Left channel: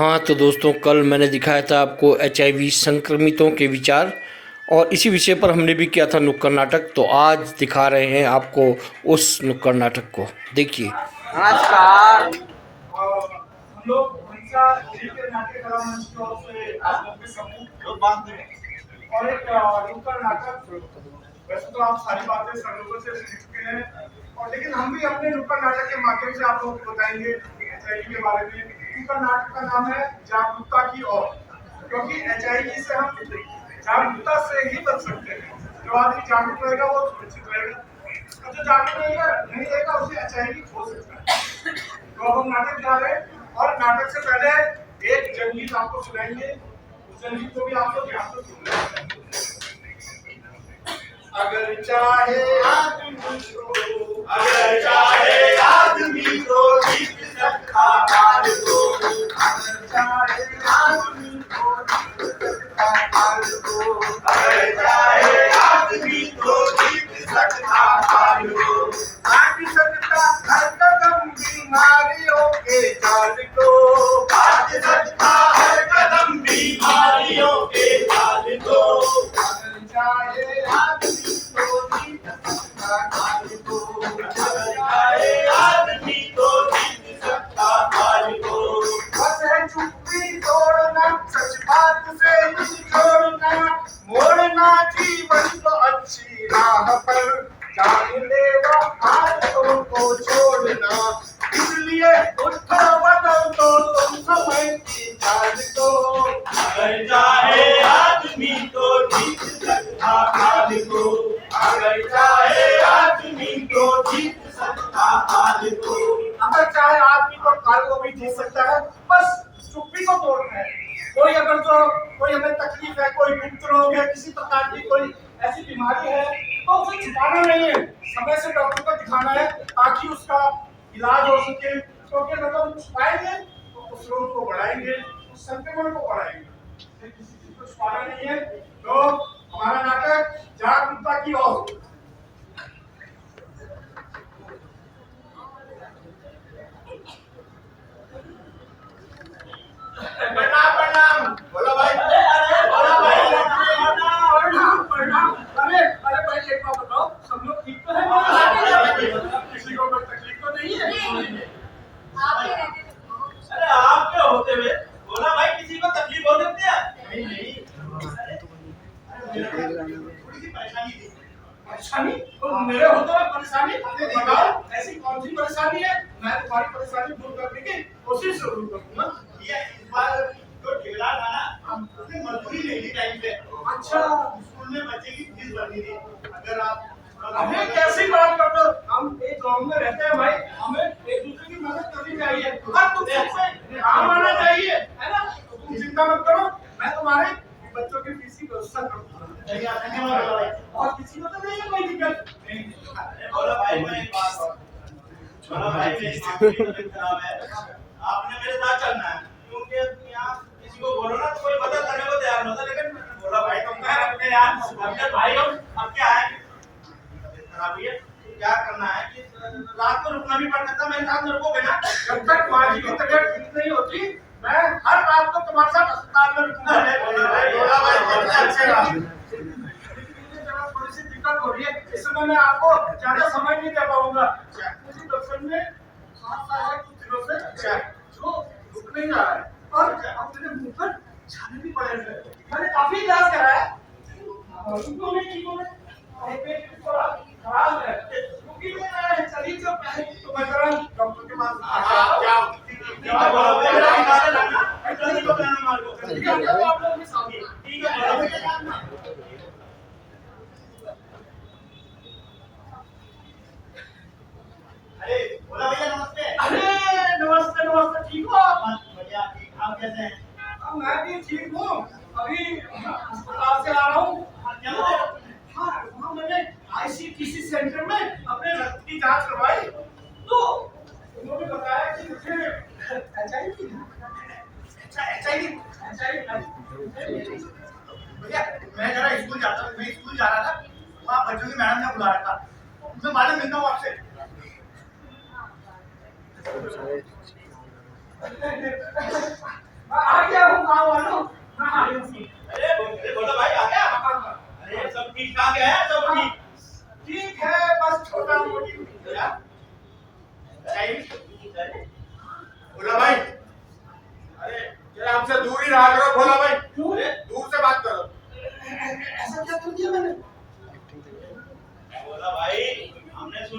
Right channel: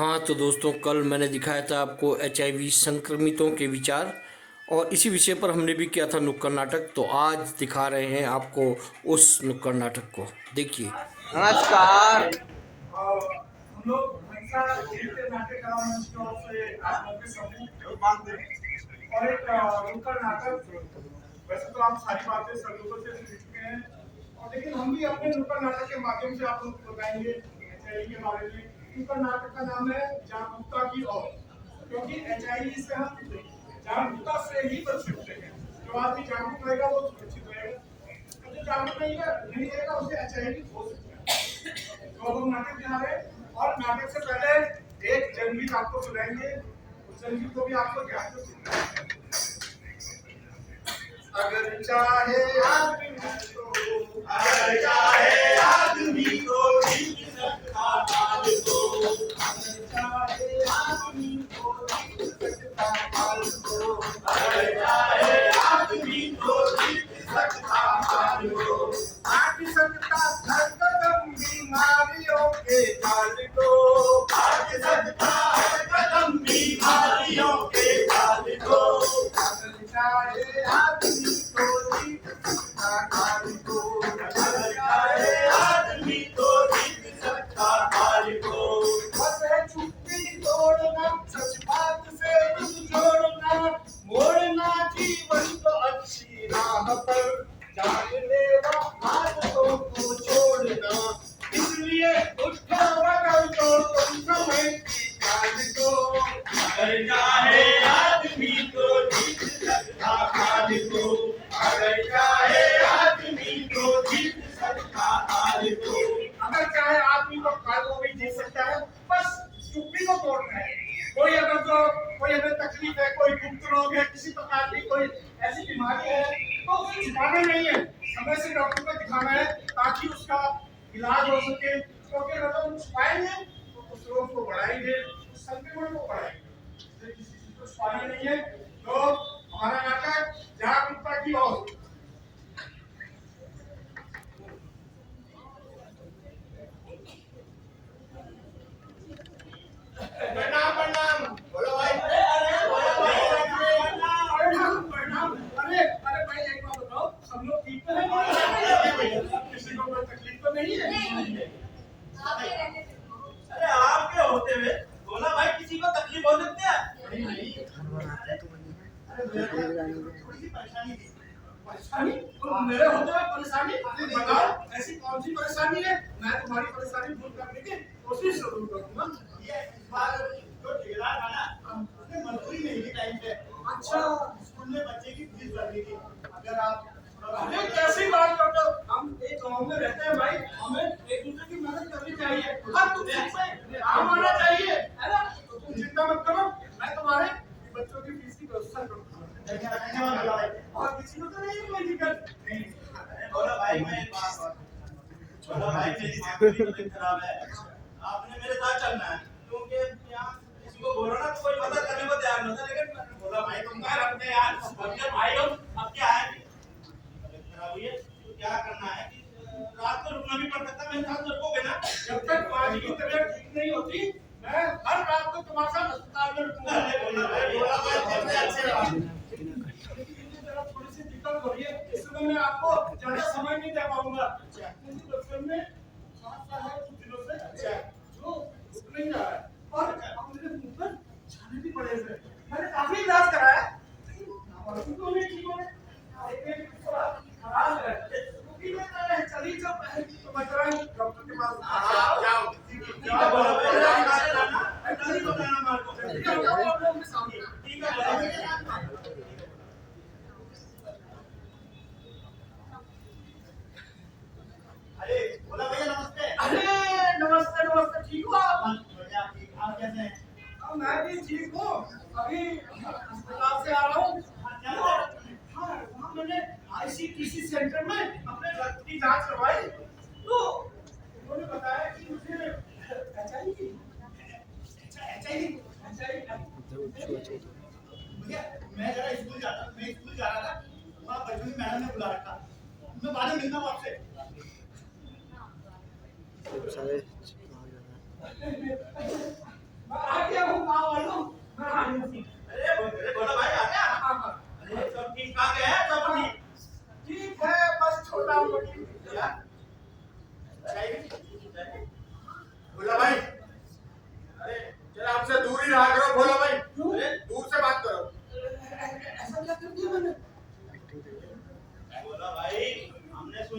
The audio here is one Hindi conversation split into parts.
हाँ तो दोस्तों, कल मैंने दिखाया था आपको एचआईवी संक्रमितों के विचार, और इसी विषय पर हमने भी किया था नुक्कड़ नाटक। तो आज दिखा रहे हैं आपको उस नुक्कड़ नाटक को, देखिए। नमस्कार। हम लोग हमेशा के नाट्य कला मंच की ओर से आप लोग के समूह और एक नुक्कड़ नाटक। वैसे तो आप सारी बातें सब लोगों से सीख चुके हैं, और लेकिन हम भी अपने नुक्कड़ नाटक के माध्यम से आप लोगों को बताएंगे एचआईवी के बारे में। नुक्कड़ नाटक का नाम है जागरूकता की ओर, क्योंकि एचआईवी से हम जागरूकता से ही बच सकते हैं। जो आदमी जागरूक रहेगा वो सुरक्षित रहेगा, और जो जागरूक नहीं रहेगा उसे एचआईवी हो सकता है। तो अब हम नाटक जा रहे हैं, और नाटक से पहले एक जंगीत आपको सुनाएंगे। उस जंगीत को भी आप लोग ध्यान से सुन लें। अगर चाहे आदमी तो जीत सकता हार को। अगर चाहे आदमी तो जीत सकता हार को। अगर चाहे आदमी तो जीत सकता हार को। काट सकता हर कदम बीमारियों के जाल को। काट सकता हर कदम बीमारियों के जाल को। अगर चाहे आदमी तो जीत सकता हार को। अगर चाहे आदमी तो जीत सकता हार को। बस है चुप्पी तोड़ना, सच बात से दिल जोड़ना, मोड़ना जीवन को अच्छी राह पर, जानलेवा आदतों को छोड़ना। इसलिए उठो बदल दो तुम समय की चाल को। अगर चाहे आदमी तो जीत सकता हार को। अगर चाहे आदमी तो जीत सकता हार को। अगर चाहे आदमी तो काल को भी जीत सकता है, बस चुप्पी को तोड़ना है। कोई हमें तकलीफ है, कोई गुप्त रोग है, किसी प्रकार की कोई ऐसी बीमारी है, तो उसे छुपाना नहीं है, समय से डॉक्टर को दिखाना है, ताकि उसका इलाज हो सके। क्योंकि अगर हम छुपाएंगे तो उस रोग को बढ़ाएंगे, उस संक्रमण को बढ़ाएंगे। किसी चीज को छुपाना नहीं है। तो हमारा नाटक जागरूकता की ओर। प्रणाम। बोलो भाई। बोलो भाई। प्रणाम। अरे भाई, एक बात बताओ, सब लोग ठीक तो है? किसी को कोई तकलीफ तो नहीं है? अरे आपके होते हुए बोला भाई, किसी को तकलीफ हो सकती है? नहीं। थोड़ी सी परेशानी थी। परेशानी? तो मेरे होते हुए परेशानी? बताओ, ऐसी कौन सी परेशानी है? मैं तुम्हारी परेशानी दूर करने की कोशिश जरूर करूंगा। ये इस बार जो ठेकेदार था ना, उसने मजदूरी नहीं दी टाइम पे। अच्छा। स्कूल में बच्चे की फीस भरनी थी। अगर आप अबे कैसी बात करते हो? हम एक गांव में रहते हैं भाई, हमें एक दूसरे की मदद करनी चाहिए, और तुम सबसे काम आना चाहिए, है ना? तो तुम चिंता मत करो, मैं तुम्हारे बच्चों की फीस की व्यवस्था करूंगा। और किसी को तो नहीं है कोई दिक्कत? नहीं। बोला भाई, मैं एक बात और बोला भाई, मेरी माँ की तबीयत खराब है, आपने मेरे साथ चलना है, क्योंकि यहाँ किसी को बोलो ना तो कोई मदद करने को तैयार नहीं होता। लेकिन बोला भाई, तुम कह रहे यार, अपने भाई हम अब क्या है, खराब हुई है, क्या करना है कि रात को रुकना भी पड़ सकता, मेरे साथ रुकोगे ना? जब तक माँ जी की तबीयत ठीक नहीं होती, मैं हर रात को तुम्हारे साथ अस्पताल में रुकूंगा। बोला भाई, कितने अच्छे आप। थोड़ी सी दिक्कत हो रही है, इस समय मैं आपको ज्यादा समय नहीं दे पाऊंगा। मुझे दर्शन में कुछ दिनों से जो रुक नहीं रहा है, और अब मेरे मुंह पर छाले भी पड़े हुए हैं। मैंने काफी इलाज कराया, उनको नहीं ठीक हो रहे, पेट थोड़ा खराब है, क्योंकि मैं चली जो पहले तो मैं जरा डॉक्टर के पास जाओ। क्या बोला भाई, इलाज करना है, जल्दी तो कहना मार को, ठीक है? आप लोग के सामने, ठीक है? बोला भैया नमस्ते। अरे नमस्ते, ठीक हो आप? बढ़िया, ठीक। आप कैसे हैं? मैं भी ठीक हूँ, अभी अस्पताल से आ रहा हूँ। क्या हुआ? हाँ, वहाँ मैंने आईसीटीसी सेंटर में अपने रक्त की जांच करवाई, तो उन्होंने बताया कि मुझे एचआईवी। भैया, मैं स्कूल जा रहा था, वहाँ बच्चों की मैडम ने बुला रखा, मैं बाद में मिलता हूँ आपसे। हाँ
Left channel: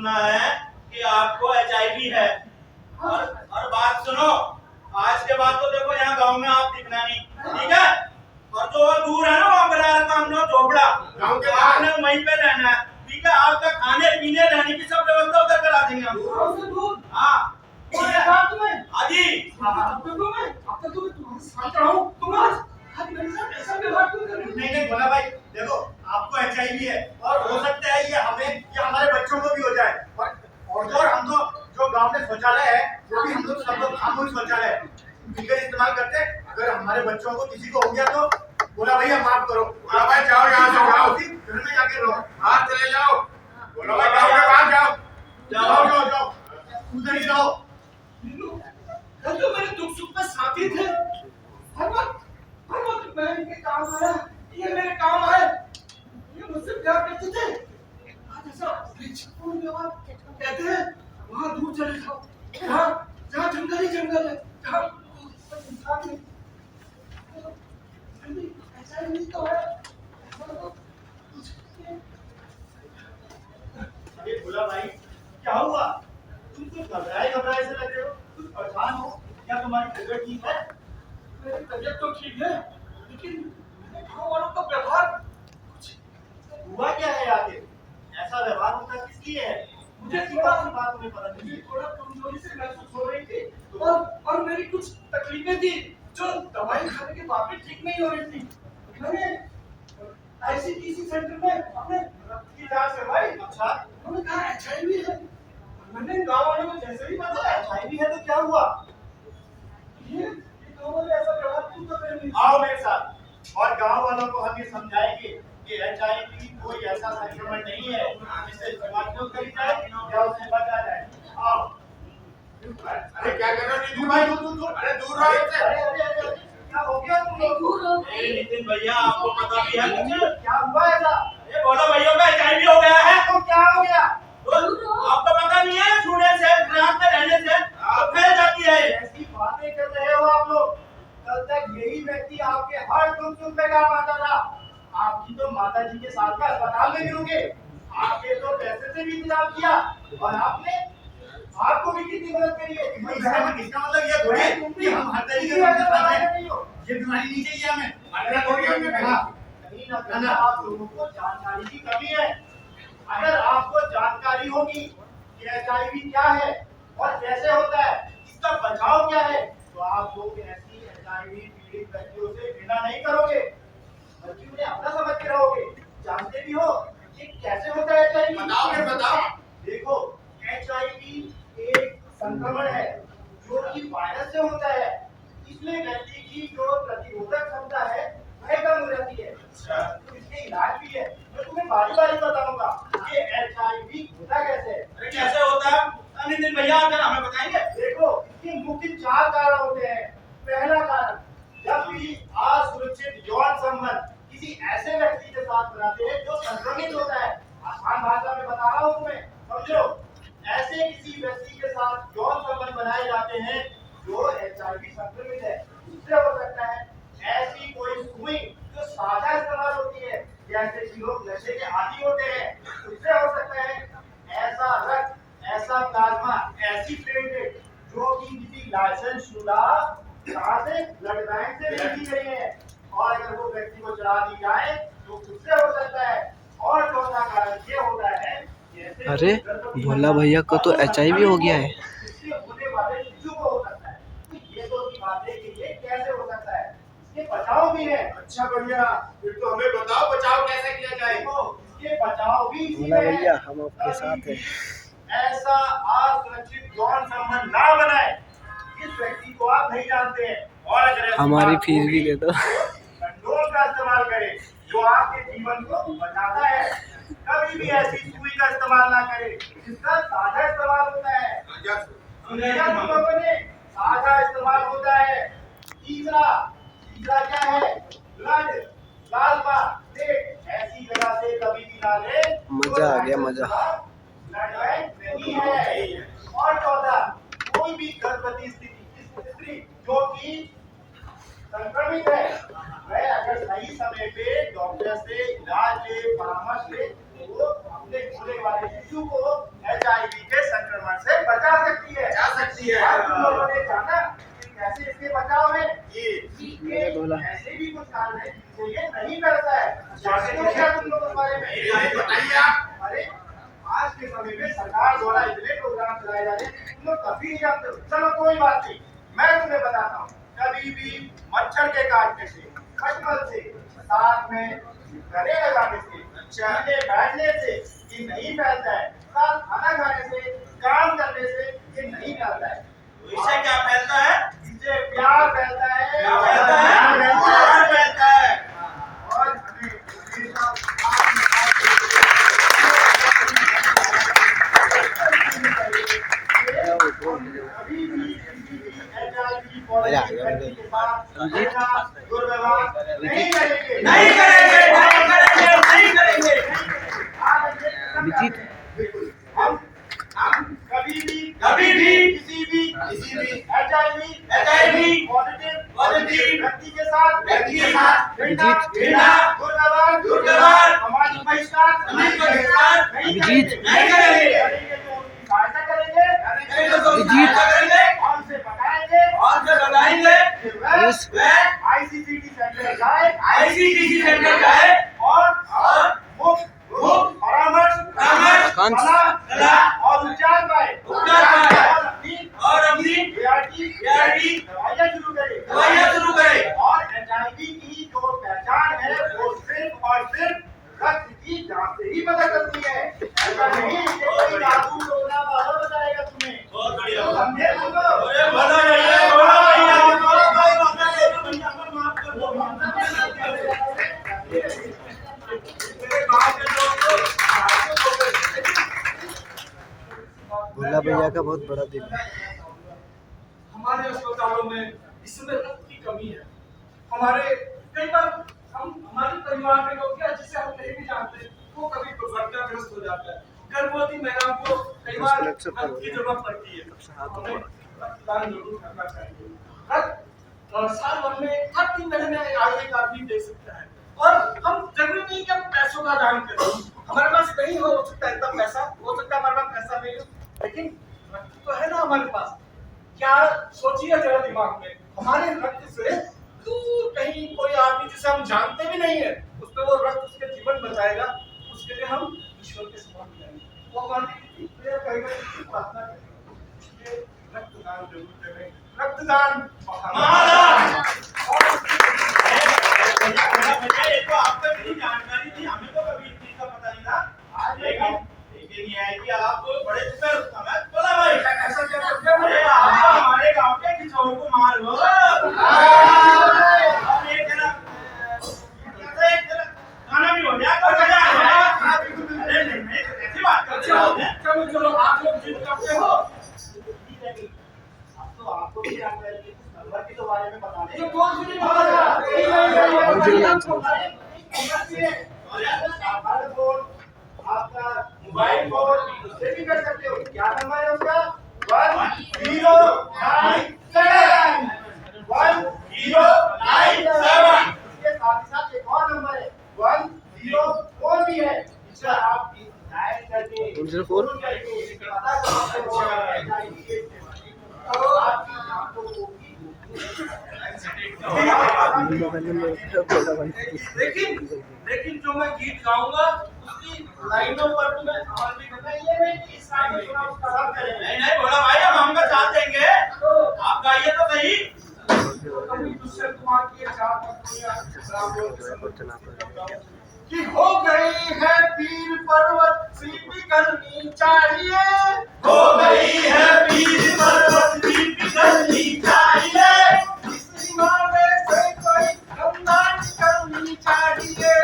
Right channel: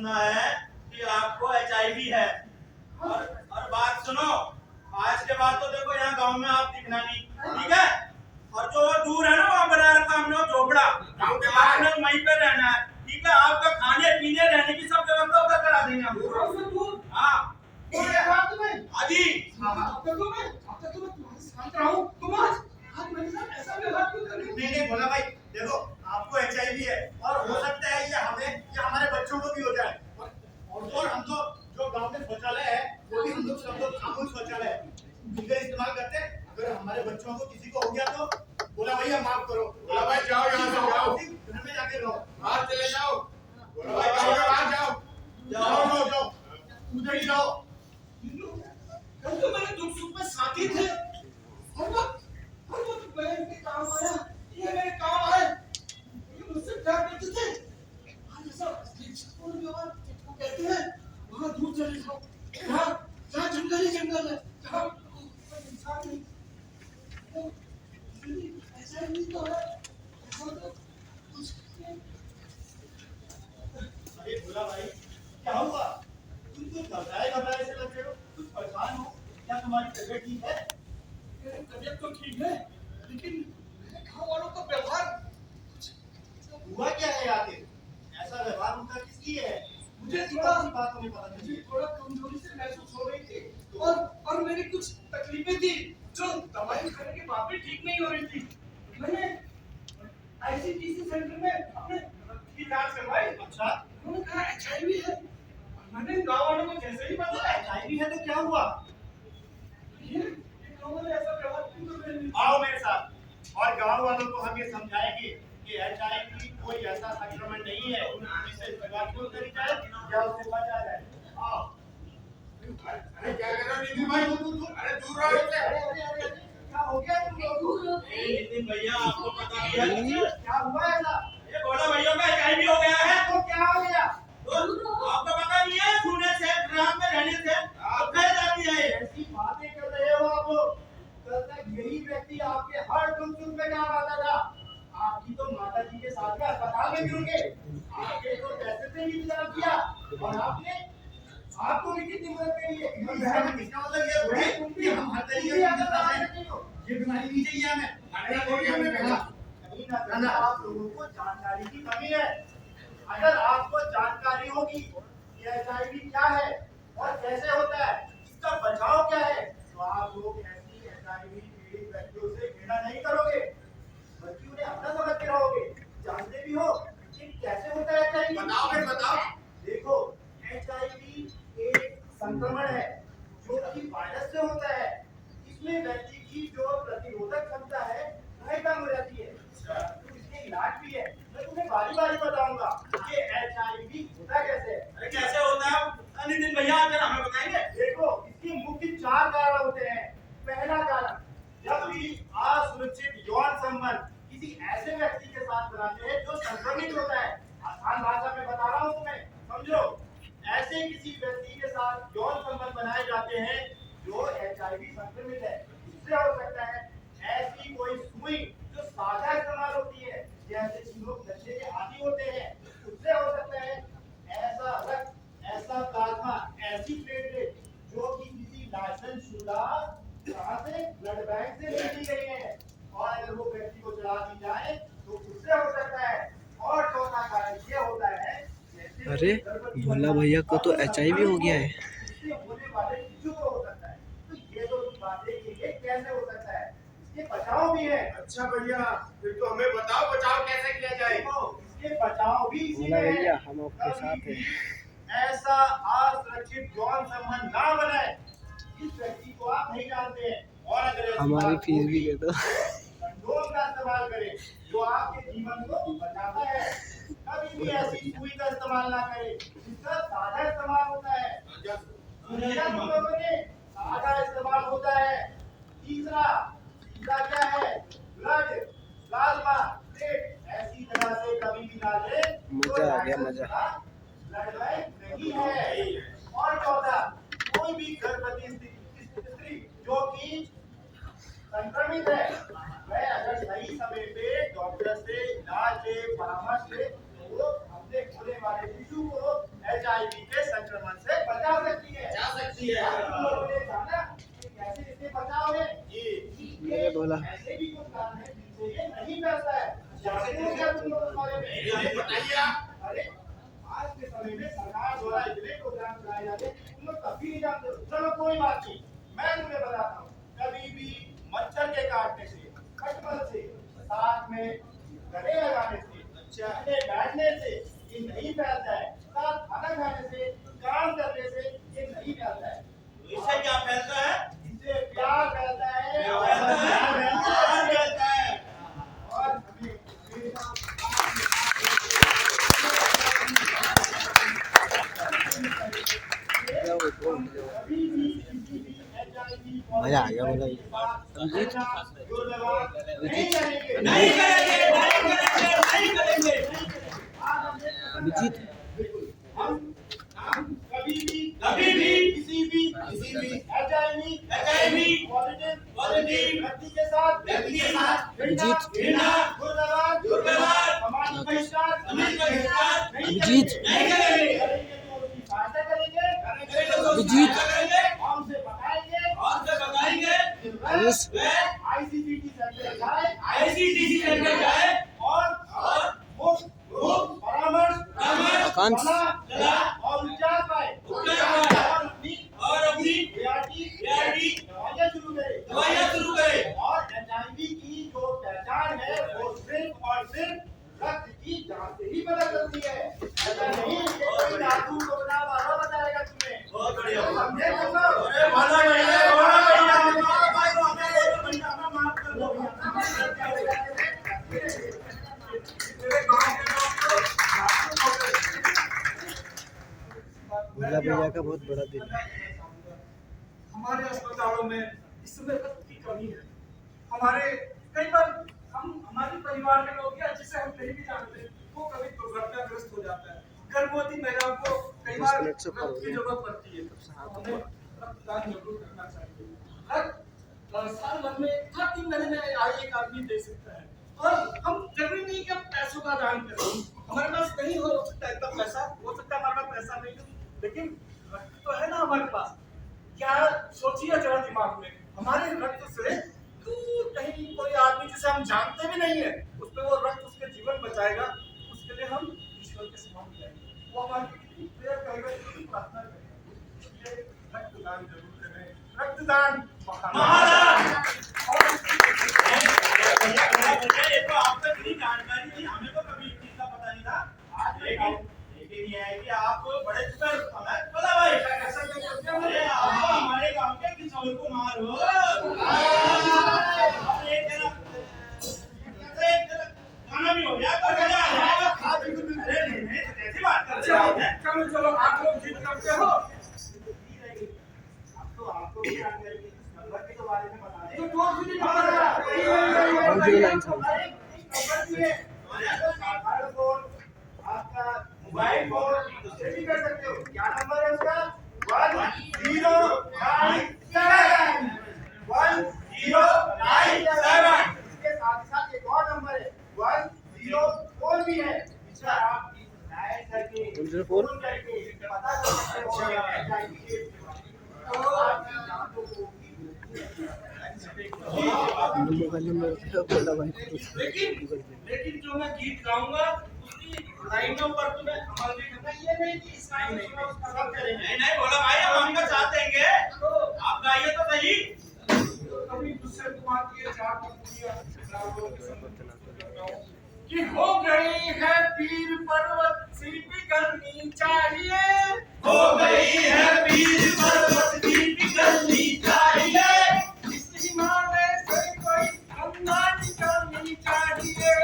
सुना है कि आपको एचआईवी है। और बात सुनो, आज के बाद तो देखो यहाँ गांव में आप दिखना नहीं, ठीक है? और जो दूर है ना, वहाँ बना रखा हमने वो झोपड़ा, गाँव के तो बाहर। आपने वहीं पे रहना है, ठीक है? आपका खाने पीने रहने की सब व्यवस्था उधर करा देंगे हम। गाँव से दूर? हाँ कौन है बात तुम्हें? हाँ जी। अब तक तो मैं तुम्हारे साथ रहा हूँ, तुम आज मेरे साथ ऐसा व्यवहार क्यों कर रहे हो? नहीं भोला भाई, देखो आपको एचआईवी है और हो सकता है ये हमें या हमारे बच्चों को भी हो जाए। और हम तो जो गांव में शौचालय है वो भी हम लोग सब लोग सामूहिक शौचालय है मिलकर इस्तेमाल करते हैं। अगर हमारे बच्चों को किसी को हो गया तो भोला भैया माफ करो। भोला भाई जाओ यहाँ से, जाओ घर में जाके रहो। बाहर चले जाओ। भोला भाई गाँव के बाहर जाओ। जाओ जाओ जाओ, उधर ही रहो। हम तो मेरे दुख सुख में साथी थे। हर वक्त मैं इनके काम आया, ये मेरे काम आए, ये मुझसे प्यार करते थे। आज ऐसा बेचैन व्यवहार कहते हैं, वहाँ दूर चले जाओ, जहाँ जंगल ही जंगल है, जहाँ कोई इंसान नहीं। तो ऐसा ही नहीं तो है, ऐसा तो कुछ अरे भोला भाई, क्या हुआ? तुम कुछ घबराए से लग रहे हो, कुछ परेशान हो? क्या तुम्हारी तबीयत ठीक है? मेरी तबीयत तो ठीक है, लेकिन मेरे गाँव वालों का व्यवहार कुछ हुआ क्या है आखिर? ऐसा व्यवहार उनका किस लिए है? मुझे थोड़ा सी बात तुम्हें पता मुझे चली। थोड़ा कमजोरी से महसूस हो रही थी और मेरी कुछ तकलीफें थी जो दवाई खाने के बाद भी ठीक नहीं हो रही थी। मैंने आईसीटीसी सेंटर में अपने रक्त की जांच करवाई। अच्छा, उन्होंने कहा एचआईवी है। मैंने गाँव वालों को जैसे ही बताया, एचआईवी है तो क्या हुआ? ये गाँव वाले ऐसा व्यवहार क्यों कर रहे हैं? आओ मेरे साथ और गांव वालों को हम ये समझाएंगे कि एचआईवी कोई ऐसा संक्रमण नहीं है जिससे बीमारियों करी जाए या उससे बचा जाए। आओ। अरे क्या कर रहे हो नितिन भाई? दूर अरे दूर रहो इससे। अरे, क्या हो गया तुम लोगों को? अरे नितिन भैया, आपको पता भी है कुछ? क्या हुआ ऐसा? ये भोला भैया का एचआईवी हो गया है। तो क्या हो गया? तो आपको पता नहीं है, छूने से, रात में रहने से तो फैल जाती है। ऐसी बातें कर रहे हो आप लोग? कल तक यही व्यक्ति आपके हर दुख सुख में काम आता था। आपकी तो माता जी के साथ में अस्पताल में भी रुके, आपके तो पैसे से भी इंतजाम किया और आपको भी कितनी मदद करी है। इसका मतलब ये थोड़ी है कि हम हर तरीके से मदद कर रहे हैं। ये बीमारी नहीं चाहिए हमें। अरे कोई हमने कहा कहीं ना कहीं आप लोगों को जानकारी की कमी है। अगर आपको जानकारी होगी कि एचआईवी क्या है और कैसे होता है, इसका बचाव क्या है, तो आप लोग ऐसी एचआईवी पीड़ित व्यक्तियों से घृणा नहीं करोगे, बल्कि उन्हें अपना समझ के रहोगे। जानते भी हो कि कैसे होता है एचआईवी? बताओ फिर बताओ। देखो, एचआईवी एक संक्रमण है जो कि वायरस से होता है। इसमें व्यक्ति की जो प्रतिरोधक क्षमता है वह कम हो जाती है। इसके इलाज भी है, मैं तुम्हें बारी बारी बताऊंगा कि एचआईवी होता कैसे है। अरे कैसे होता है? नितिन भैया आकर हमें बताएंगे। देखो, इसके मुख्य 4 कारण होते हैं। पहला कारण, जब भी असुरक्षित यौन संबंध किसी ऐसे व्यक्ति के साथ बनाते हैं जो संक्रमित होता है। आसान भाषा में बता रहा हूँ तुम्हें, समझो। ऐसे किसी व्यक्ति के साथ यौन संबंध बनाए जाते हैं जो एचआईवी संक्रमित है। दूसरा हो सकता है ऐसी कोई सुई जो साझा इस्तेमाल होती है, जैसे कि लोग नशे के आदी होते हैं। उससे हो सकता है ऐसा रक्त, ऐसा प्लाज्मा, ऐसी प्लेटलेट जो कि किसी लाइसेंस शुदा से ब्लड बैंक से नहीं दी गई है और अगर वो व्यक्ति को चढ़ा दी जाए तो उससे हो सकता है। और चौथा कारण ये होता है, अरे भोला भैया को तो एचआईवी हो गया है। इससे होने वाले शिशु को हो सकता है। तो ये तो की बात है कि ये कैसे हो सकता है, इसके बचाव भी है। अच्छा बढ़िया, फिर तो हमें बताओ बचाव कैसे किया जाए। देखो, इसके बचाव भी इसी भोला में है। भैया हम आपके साथ हैं। ऐसा असुरक्षित यौन संबंध ना बनाए जिस व्यक्ति को आप नहीं जानते हैं। और अगर ऐसी हमारी बात फीस भी होगी, दे दो। तो कंडोम का इस्तेमाल करें जो आपके जीवन को बचाता है। कभी भी ऐसी सुई का इस्तेमाल ना करें जिसका साझा इस्तेमाल होता है। साझा इस्तेमाल होता है। तीसरा क्या है? ब्लड, प्लाज्मा, प्लेट ऐसी जगह से कभी भी ना ले। मजा आ गया, मजा। ब्लड बैंक नहीं है। और चौथा, कोई भी गर्भवती स्त्री जो कि संक्रमित है, वह अगर सही समय पे डॉक्टर से इलाज ले, परामर्श ले, तो वो अपने होने वाले शिशु को एचआईवी ये ऐसे भी कुछ कारण है जो ये नहीं फैलता है। जानते हो क्या तुम लोग इस बारे में? बताइए आप। अरे आज के समय में सरकार द्वारा इतने प्रोग्राम चलाए जा रहे हैं तुम लोग कभी नहीं जानते हो। चलो कोई बात नहीं, मैं तुम्हें बताता हूँ। कभी भी मच्छर के काटने से, खटमल से, साथ में गले लगाने से, चलने बैठने से ये नहीं फैलता है। साथ खाना खाने से, काम करने से ये नहीं फैलता है। तो इससे क्या फैलता है? इससे प्यार फैलता है। क्या फैलता है? प्यार फैलता है। और हमें कभी भी किसी भी HIV मजा आ गया भाई। दुर्व्यवहार नहीं करेंगे। नहीं करेंगे, नहीं करेंगे, नहीं करेंगे। अभिजीत हम कभी भी किसी भी HIV पॉजिटिव व्यक्ति के साथ अभिजीत दुर्व्यवहार हमारी बहिष्कार अभिजीत नहीं करेंगे। करेंगे तो उनकी सहायता करेंगे अभिजीत और उनसे बताएंगे और जो बताएंगे वह ICCT सेंटर जाए ICCT सेंटर जाए और मुफ्त परामर्श आकांक्ष सलाह और उपचार पाए पाए। और अपनी ART दवाइयाँ शुरू करे दवाइयाँ शुरू करे। और HIV की जो पहचान है वो सिर्फ और सिर्फ रक्त की जांच से ही पता चलती है। ऐसा नहीं कि कोई जादू टोना वाला बताएगा तुम्हें। बहुत बढ़िया। तो समझे तुम लोग? अरे बहुत बढ़िया, बहुत मेरे गांव के लोग तो भागते हो गए। भोला भैया का बहुत बड़ा दिल है। हमारे अस्पतालों में इस समय रक्त की कमी है। हमारे कई बार हमारे परिवार के लोग क्या जिसे हम नहीं भी जानते वो कभी दुर्घटनाग्रस्त हो जाता है। गर्भवती महिलाओं को कई बार रक्त की जरूरत पड़ती है। हमें रक्तदान जरूर करना चाहिए। रक्त साल भर में हर 3 महीने में एक आदमी दे सकता है। और हम जरूरी नहीं कि हम पैसों का दान करें। हमारे पास नहीं हो सकता है इतना पैसा, हो सकता है हमारे पास पैसा नहीं हो, लेकिन रक्त तो है ना हमारे पास। क्या सोचिए जरा दिमाग में, हमारे रक्त से दूर कहीं कोई आदमी जिसे हम जानते भी नहीं है उस पर वो रक्त उसके जीवन बचाएगा, उसके लिए हम ईश्वर के समान करेंगे। वो हमारी प्रेयर करेगा, प्रार्थना करेगा। ये रक्तदान जरूर करें। रक्तदान महादान। और ये तो आपको इतनी जानकारी थी, हमें तो कभी इस चीज का पता नहीं था। लेकिन ये है कि आप बड़े सुपर हमें बोला भाई ऐसा क्या करते हैं? अरे आप हमारे गांव के किशोर कुमार हो। अब ये जरा खाना भी हो जाए तो मजा आ जाए। अरे नहीं ऐसी बात करते हैं। चलो चलो आप लोग जीत करते हो। अब तो आपको भी जानकारी है, कुछ नंबर के तो बारे में बता तो दें। कौन सी साधारण फोन, आपका मोबाइल फोन उससे भी कर सकते हो। क्या नंबर है उसका? 1097 इसके साथ साथ एक और नंबर है 104 भी है, जिसका आप डायल करके फोन करके पता कर सकते हो HIV के बारे में। तो आपकी जान तो होगी। लेकिन जो मैं गीत गाऊंगा उसकी लाइनों पर तुम्हें अमल भी करना है। ये नहीं कि इस गाने में सुना उसका सब करेंगे। नहीं बोला भाई हम हमका साथ देंगे। आप गाइए तो सही। कभी दूसरे कुमार की चार पंक्तियां कि हो गई है पीर पर्वत सी पिघलनी चाहिए। हो गई है पीर पर्वत की पिघलनी चाहिए। इस हिमालय से कोई गंगा निकलनी चाहिए।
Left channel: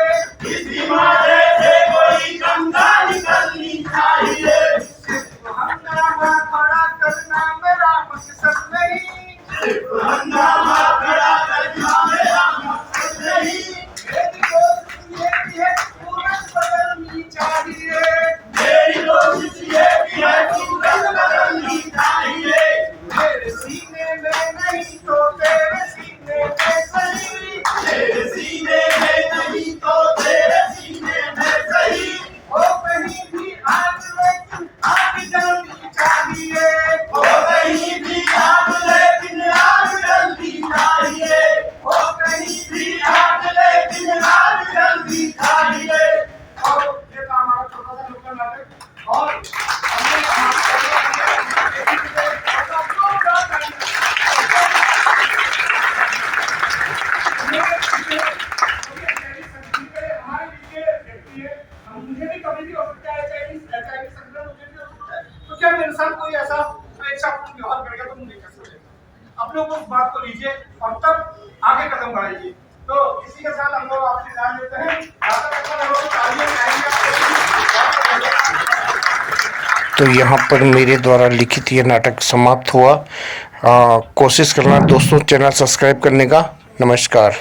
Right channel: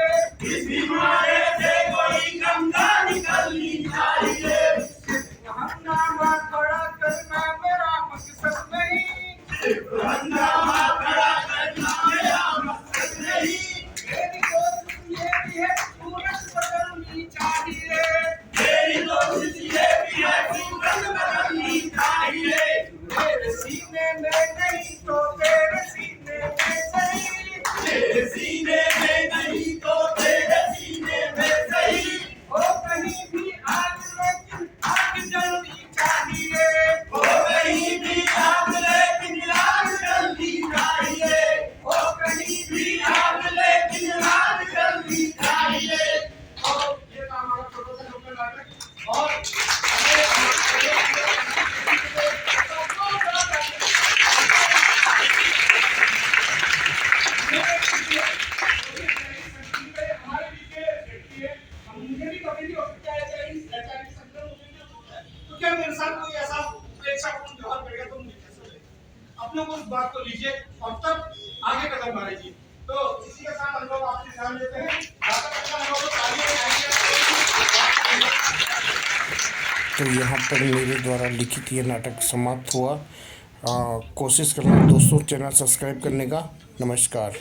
इस हिमालय से कोई गंगा निकलनी चाहिए। सिर्फ हंगामा खड़ा करना मेरा मकसद नहीं। सिर्फ हंगामा खड़ा करना मेरा मकसद नहीं। मेरी कोशिश ये भी है सूरत बदलनी चाहिए। मेरी कोशिश ये भी है सूरत बदलनी चाहिए। मेरे सीने में मुझे भी कभी भी हो सकता है, HIV संक्रमण मुझे भी हो सकता है। तो क्या मेरे साथ कोई ऐसा स्वेच्छापूर्ण व्यवहार करेगा तो मुझे कैसे लगेगा? अपने को उस बात को लीजिए और तब आगे कदम बढ़ाइए। तो इसी के साथ हम लोग आपसे जान लेते हैं। तो यहाँ पर मेरे द्वारा लिखित ये नाटक समाप्त हुआ। कोशिश करना दोस्तों चैनल सब्सक्राइब करने का। नमस्कार।